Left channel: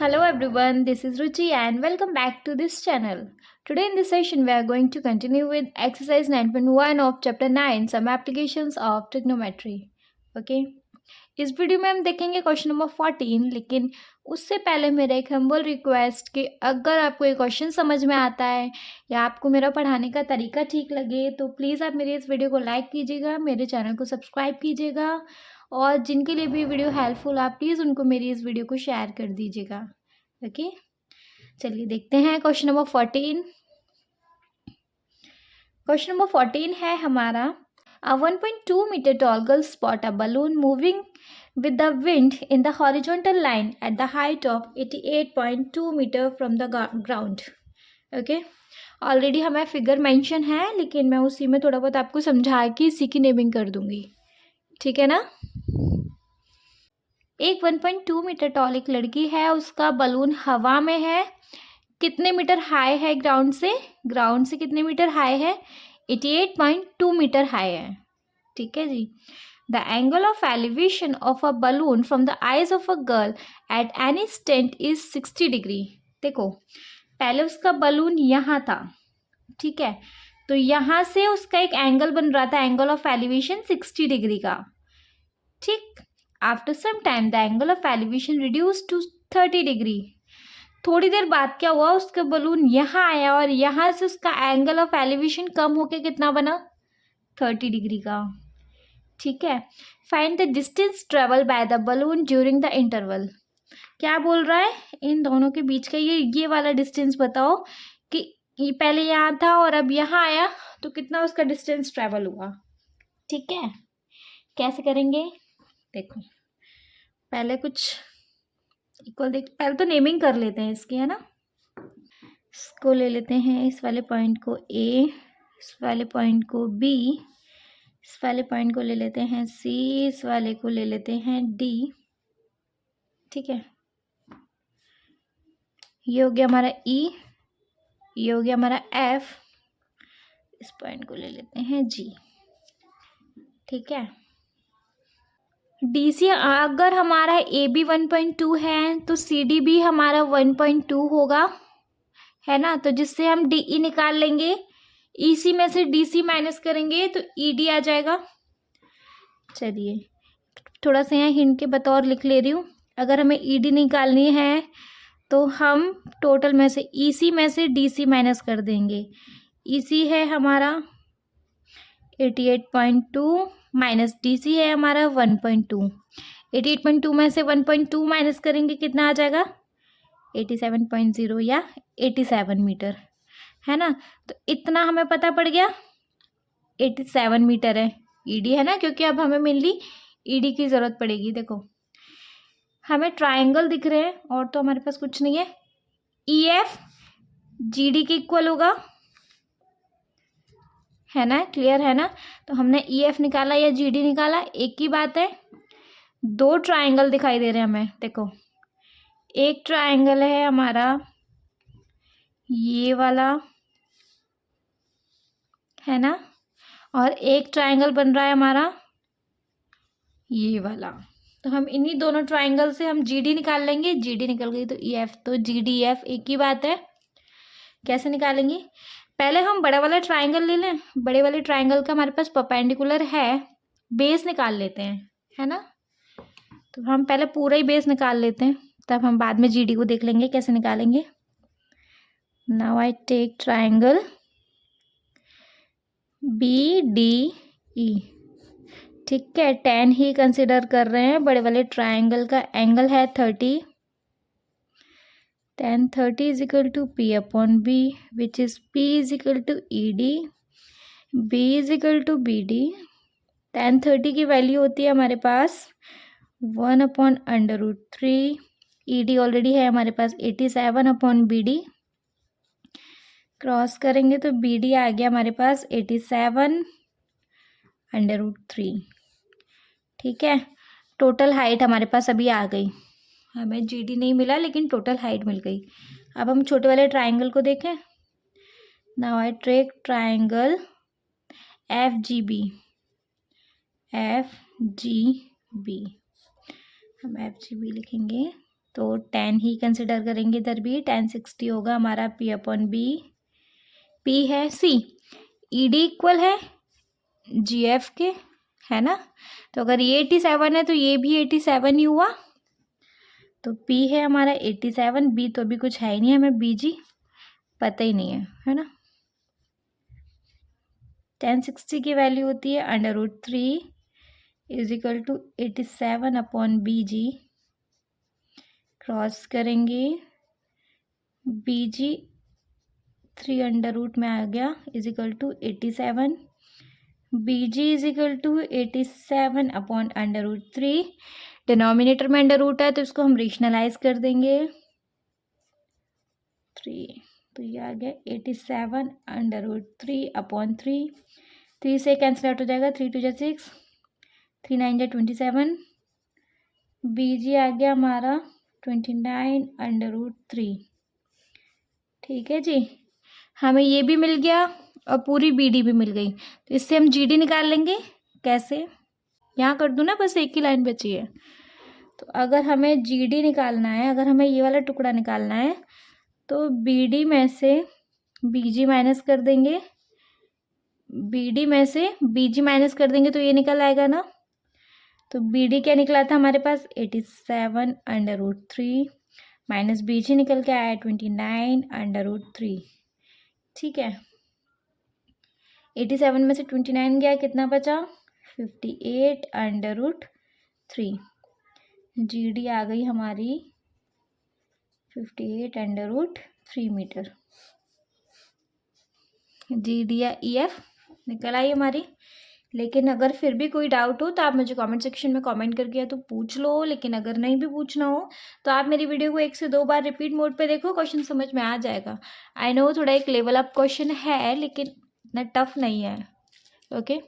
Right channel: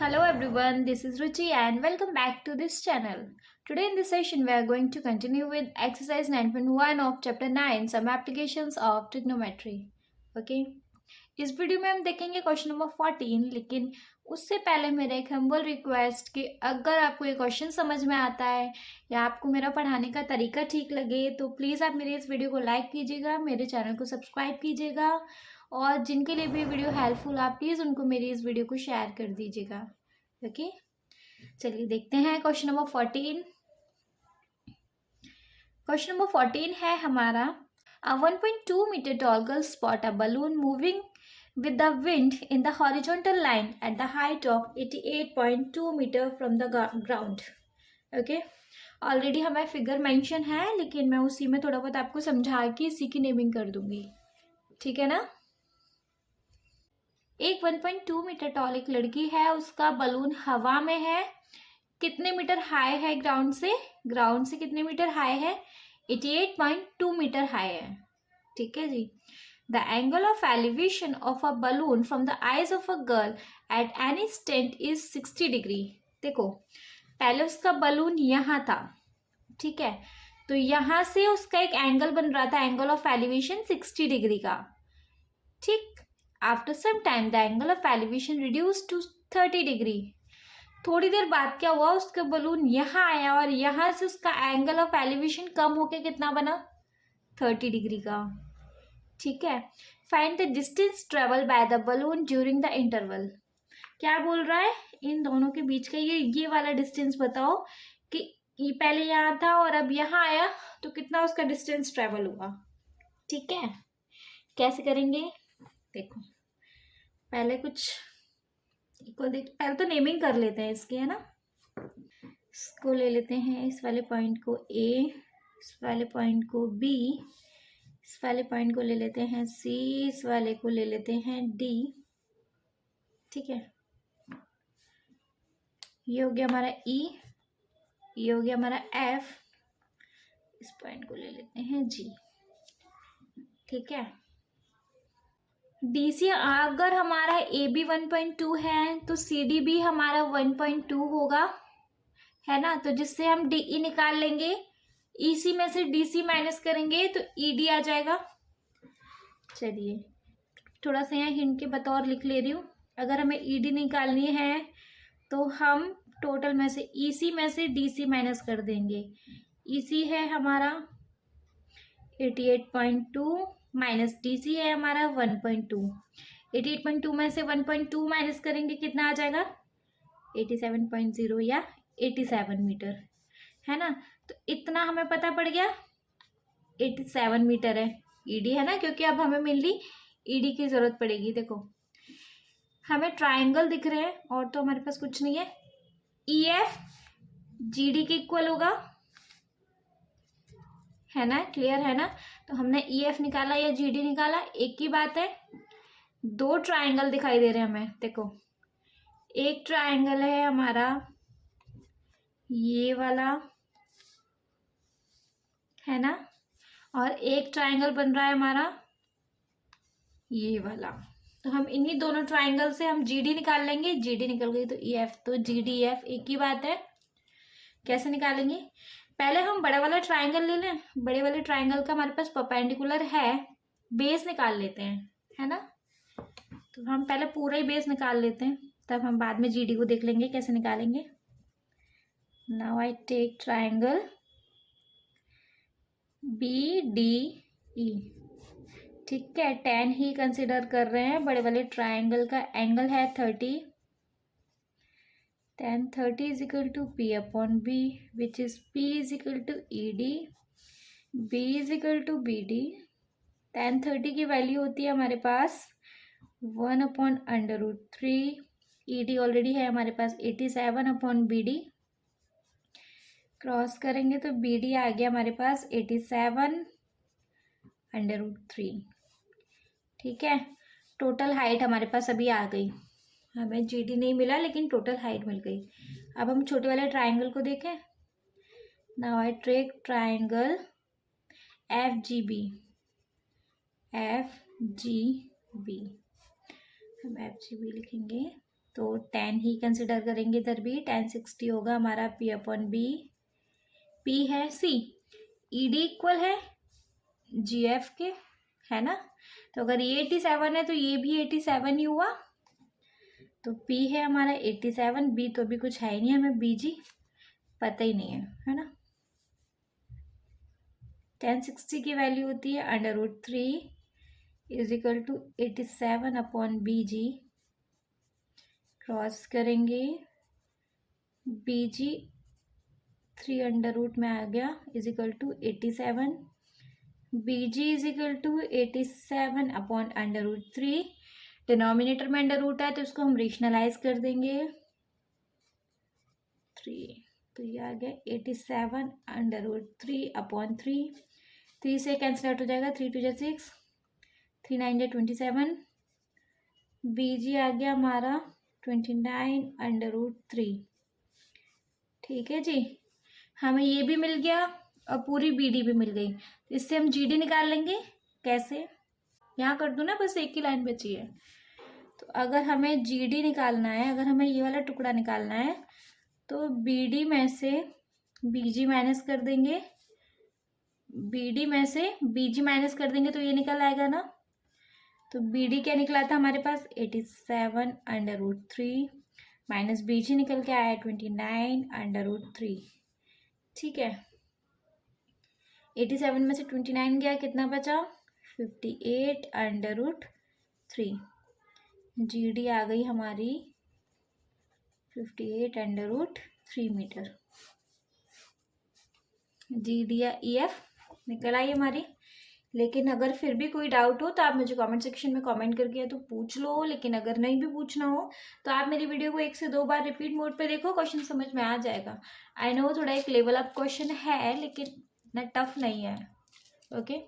Hello everyone, this is Ruchi and welcome back to this channel. Today in this session we are going to continue with exercise 9.1 of chapter 9 some applications of trigonometry. Okay, इस video में हम देखेंगे question number 14, लेकिन उससे पहले मेरा एक humble request कि अगर आपको ये क्वेश्चन समझ में आता है या आपको मेरा पढ़ाने का तरीका ठीक लगे तो प्लीज़ आप मेरी इस वीडियो को लाइक कीजिएगा, मेरे चैनल को सब्सक्राइब कीजिएगा और जिनके लिए भी वीडियो हेल्पफुल आप प्लीज़ उनको मेरी इस वीडियो को शेयर कर दीजिएगा। ओके, चलिए देखते हैं क्वेश्चन नंबर 14। क्वेश्चन नंबर 14 है हमारा, a 1.2 meter tall girl spot a balloon moving with the wind in the horizontal line at the height of 88.2 meter from the ground. Okay, already हमें figure mention है लेकिन मैं उसी में थोड़ा बहुत आपको समझा के इसी की नेमिंग कर दूंगी, ठीक है ना। एक 1.2 मीटर टॉल एक लड़की है, उसका बलून हवा में है। कितने मीटर हाई है ग्राउंड से कितने मीटर हाई है? 88.2 मीटर हाई है, ठीक है जी। The angle of elevation of a balloon from the eyes of a girl at any instant is 60 degree. देखो, पहले उसका बलून यहाँ था, ठीक है, तो यहाँ से उसका एक एंगल बन रहा था, एंगल ऑफ एलिवेशन 60 डिग्री का, ठीक। After some time the angle of elevation reduce to 30 degree. थोड़ी देर बाद क्या हुआ, उसका बलून यहाँ आया और यहाँ से उसका एंगल ऑफ एलिवेशन कम होके कितना बना? 30 डिग्री का, ठीक है। Find the distance travel by the balloon during the interval. क्या बोल रहा है, इन दोनों के बीच का ये वाला डिस्टेंस बताओ कि ये पहले यहाँ था और अब यहाँ आया तो कितना उसका डिस्टेंस ट्रेवल हुआ, ठीक है। कैसे करेंगे देखो, पहले कुछ इक्वल देख, पहले तो नेमिंग कर लेते हैं इसकी, है ना। इसको ले लेते हैं, इस वाले पॉइंट को ए, इस वाले पॉइंट को बी, इस वाले पॉइंट को ले लेते हैं सी, इस वाले को ले लेते हैं डी, ठीक है। ये हो गया हमारा ई, ये हो गया हमारा एफ, इस पॉइंट को ले लेते हैं जी, ठीक है। डी सी अगर हमारा ए बी 1.2 है तो सी डी भी हमारा 1.2 होगा, है ना। तो जिससे हम डी ई निकाल लेंगे, ई सी में से डी सी माइनस करेंगे तो ई डी आ जाएगा। चलिए थोड़ा सा यहाँ हिंट के बतौर लिख ले रही हूँ, अगर हमें ई डी निकालनी है तो हम टोटल में से ई सी में से डी सी माइनस कर देंगे। ई सी है हमारा 88.2 माइनस डी सी है हमारा 1.2। 88.2 में से 1.2 माइनस करेंगे कितना आ जाएगा? 87.0 या 87 मीटर, है ना। तो इतना हमें पता पड़ गया, 87 मीटर है ईडी, है ना, क्योंकि अब हमें मेनली ईडी की ज़रूरत पड़ेगी। देखो हमें ट्राइंगल दिख रहे हैं और तो हमारे पास कुछ नहीं है। ई एफ जी डी के इक्वल होगा, है ना, क्लियर है ना। तो हमने ई एफ निकाला या जी डी निकाला, एक ही बात है। दो ट्राइंगल दिखाई दे रहे हैं हमें, देखो एक ट्राइंगल है हमारा ये वाला, है ना, और एक ट्राइंगल बन रहा है हमारा ये वाला। तो हम इन्हीं दोनों ट्राइंगल से हम जी डी निकाल लेंगे, जी डी निकल गई तो ई एफ, तो जी डी एफ एक ही बात है। कैसे निकालेंगे, पहले हम बड़े वाला ट्राइंगल ले लें, बड़े वाले ट्राइंगल का हमारे पास परपेंडिकुलर है, बेस निकाल लेते हैं, है ना। तो हम पहले पूरा ही बेस निकाल लेते हैं, तब हम बाद में जी डी को देख लेंगे कैसे निकालेंगे। Now I take triangle B D E, ठीक है, 10 ही कंसिडर कर रहे हैं। बड़े वाले ट्राइंगल का एंगल है 30, 10 30 is equal to P upon B, which is P is equal to E D, B is equal to B D. 10 30 की वैल्यू होती है हमारे पास 1/√3, ई डी ऑलरेडी है हमारे पास 87 अपॉन बी डी, क्रॉस करेंगे तो बी डी आ गया हमारे पास 87/√3, ठीक है। टोटल हाइट हमारे पास अभी आ गई, हमें जी डी नहीं मिला लेकिन टोटल हाइट मिल गई। अब हम छोटे वाले ट्राइंगल को देखें। Now I take triangle F G B, F G B, हम एफ जी बी लिखेंगे तो 10 ही कंसिडर करेंगे इधर भी। 1060 होगा हमारा P अपॉन बी। P है C। ED इक्वल है GF के, है ना। तो अगर ये 87 है तो ये भी 87 ही हुआ। तो P है हमारा 87, B तो अभी कुछ है ही नहीं, हमें BG पता ही नहीं है ना। 1060 की वैल्यू होती है √3 = 87 अपॉन BG। क्रॉस करेंगे, BG 3 में आ गया = 87। BG = 87 upon √3। डिनोमिनेटर में √ है तो इसको हम रेशनलाइज कर देंगे 3। तो ये आ गया 87 √3 अपॉन 3। 3 से कैंसिल आउट हो जाएगा, 3 2 6, 3 9 27। BG आ गया हमारा 29 √3। ठीक है जी, हमें ये भी मिल गया और पूरी BD भी मिल गई। तो इससे हम GD निकाल लेंगे। कैसे, यहाँ कर दूँ ना, बस एक ही लाइन बची है। तो अगर हमें GD निकालना है, अगर हमें ये वाला टुकड़ा निकालना है तो BD में से BG माइनस कर देंगे, BD में से BG माइनस कर देंगे तो ये निकल आएगा ना। तो BD क्या निकला था हमारे पास 87 √3 माइनस BG निकल के आया 29 √3। ठीक है, 87 में से 29 गया, कितना बचा 58 √3। GD आ गई हमारी 58 √3 मीटर। GD या EF निकल आई हमारी। लेकिन अगर फिर भी कोई डाउट हो तो आप मुझे कमेंट सेक्शन में कमेंट करके या तो पूछ लो, लेकिन अगर नहीं भी पूछना हो तो आप मेरी वीडियो को 1 से 2 बार रिपीट मोड पे देखो, क्वेश्चन समझ में आ जाएगा। आई नो थोड़ा एक लेवल अप क्वेश्चन है लेकिन इतना टफ नहीं है। ओके।